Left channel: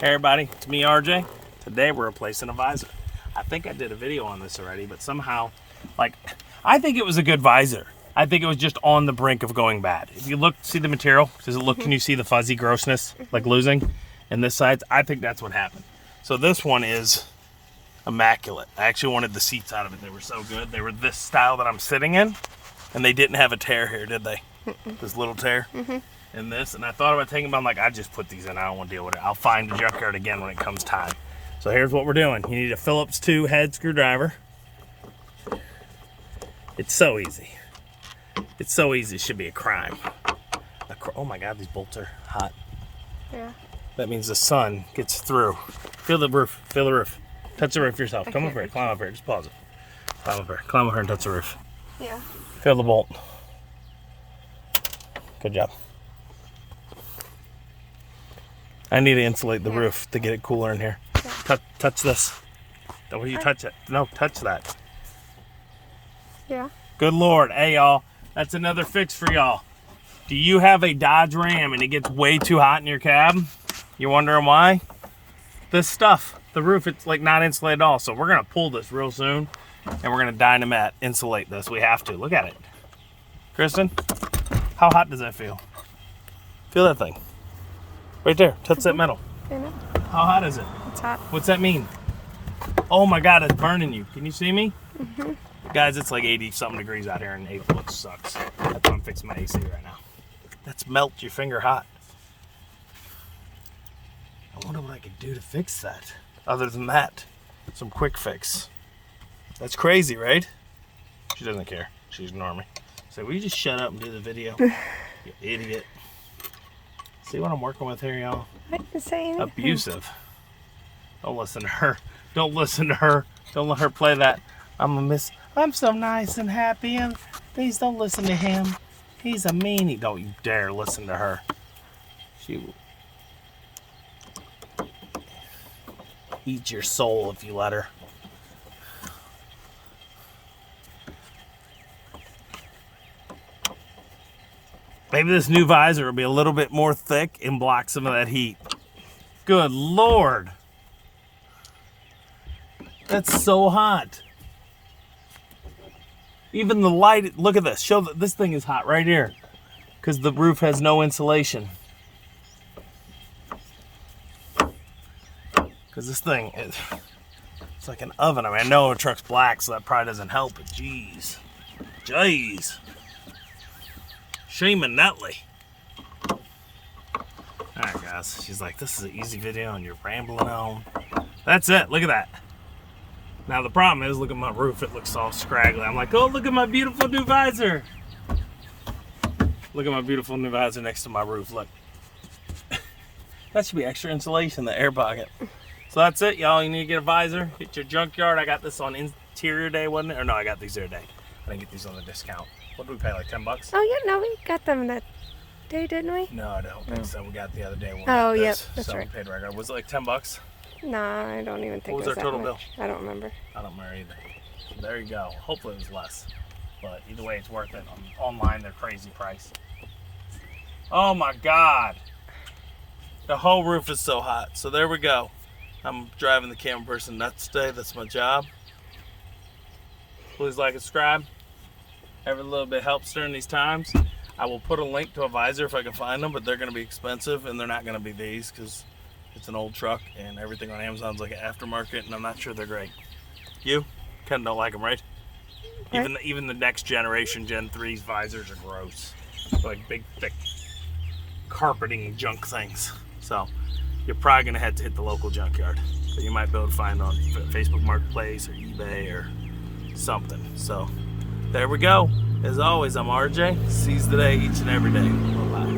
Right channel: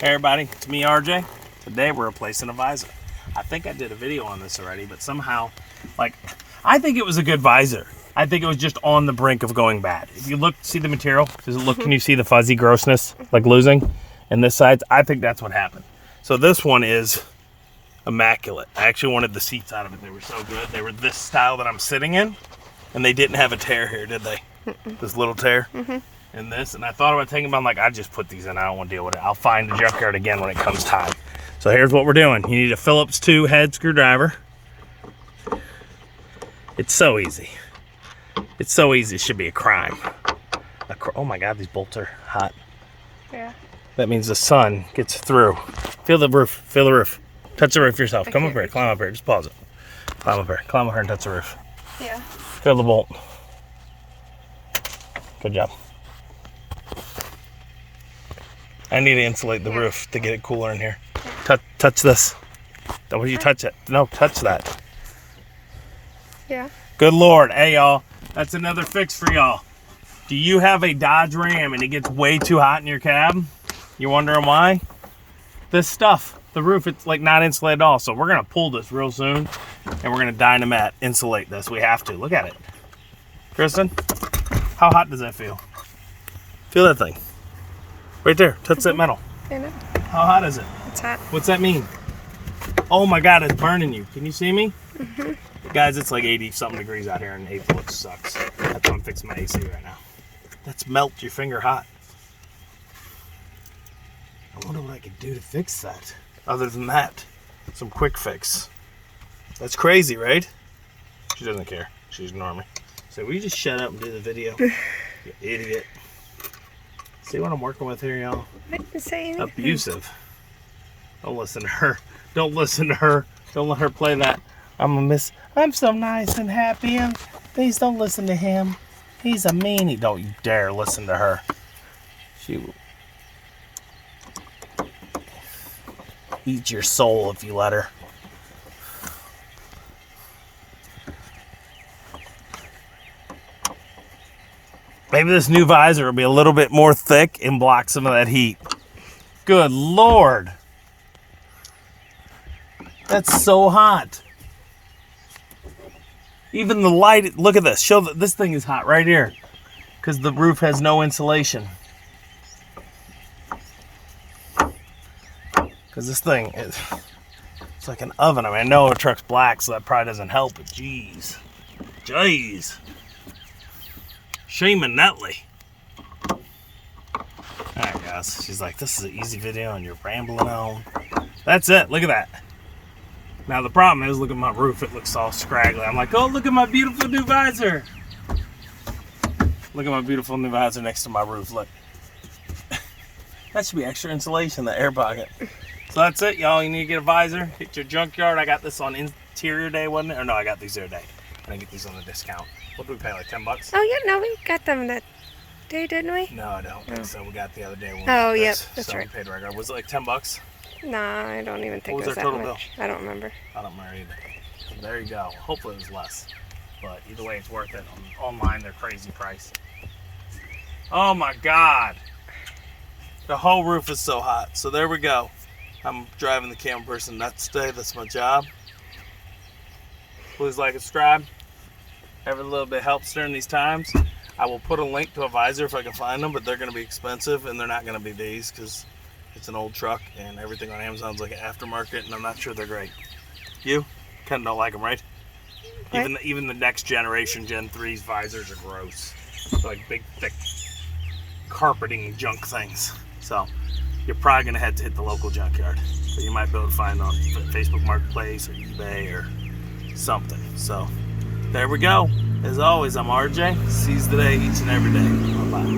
Hey everybody, it's me RJ. Today we're replacing a visor. I think I did a video on this already, but somehow, I think it was a good visor. I think it was just on the brink of going bad. If you look, see the material, does it look, can you see the fuzzy grossness, like losing? And this side, I think that's what happened. So this one is immaculate. I actually wanted the seats out of it. They were so good. They were this style that I'm sitting in, and they didn't have a tear here, did they? This little tear? In this, and I thought about taking them, but I'm like, I just put these in. I don't want to deal with it. I'll find the junkyard again when it comes time. So here's what we're doing. You need a Phillips 2 head screwdriver. It's so easy. It's so easy. It should be a crime. Oh my God, these bolts are hot. Yeah. That means the sun gets through. Feel the roof. Feel the roof. Touch the roof yourself. Come up here. Climb up here. Just pause it. Climb up here. Climb up here and touch the roof. Yeah. Feel the bolt. Good job. I need to insulate the roof to get it cooler in here. Touch this. Don't you touch it. No, touch that. Yeah. Good Lord. Hey, y'all. That's another fix for y'all. Do you have a Dodge Ram and it gets way too hot in your cab? You're wondering why? This stuff, the roof, it's like not insulated at all. So we're going to pull this real soon and we're going to Dynamat insulate this. We have to. Look at it. Kristen, how hot does that feel? Feel that thing. Right there. Touch that metal. I know. How hot is it? It's hot. What's that mean? Oh my God, it's burning you. Can you see me? Guys, it's like 80 something degrees out here and April. It sucks. That's why I'm fixing my AC right now. That's melt your finger hot. I wonder what I could do to fix that. Other than that, some quick fix. That's crazy, right? She doesn't care. She's ignoring me. So will you just shut up and do the video? You idiot. See what I'm working with here, y'all? I didn't say anything. Abusive. Don't listen to her. Don't listen to her. Don't let her play that. I'm so nice and happy, and please don't listen to him. He's a meanie. Don't you dare listen to her. She will eat your soul if you let her. Maybe this new visor will be a little bit more thick and block some of that heat. Good Lord. That's so hot. Even the light, look at this. Show that this thing is hot right here because the roof has no insulation. Because this thing is, it's like an oven. I mean, I know a truck's black, so that probably doesn't help, but geez. Jeez. Shame and Netley. Alright guys, she's like, this is an easy video and you're rambling on. That's it, look at that. Now the problem is, look at my roof, it looks all scraggly. I'm like, oh, look at my beautiful new visor. Look at my beautiful new visor next to my roof, look. That should be extra insulation, the air pocket. So that's it, y'all, you need to get a visor, hit your junkyard. I got this on interior day, wasn't it? Or no, I got these the other day. I didn't get these on the discount. What did we pay, like 10 bucks? Oh, yeah, no, we got them that day, didn't we? No, I don't think so. We got the other day one. Oh, yep, that's right. We paid regular. Was it like 10 bucks? No, I don't even think What was it was our total bill? I don't remember. I don't remember either. So there you go. Hopefully it was less. But either way, it's worth it. Online, they're crazy price. Oh my God. The whole roof is so hot. So there we go. I'm driving the camera person nuts today. That's my job. Please like and subscribe. Every little bit helps during these times. I will put a link to a visor if I can find them, but they're going to be expensive and they're not going to be these because it's an old truck and everything on Amazon's like an aftermarket and I'm not sure they're great. You kind of don't like them, right? Even the next generation, Gen 3's visors are gross. They're like big, thick carpeting junk things. So you're probably going to have to hit the local junkyard. But you might be able to find on Facebook Marketplace or eBay or something. So there we go. As always, I'm RJ. Seize the day each and every day. Bye-bye.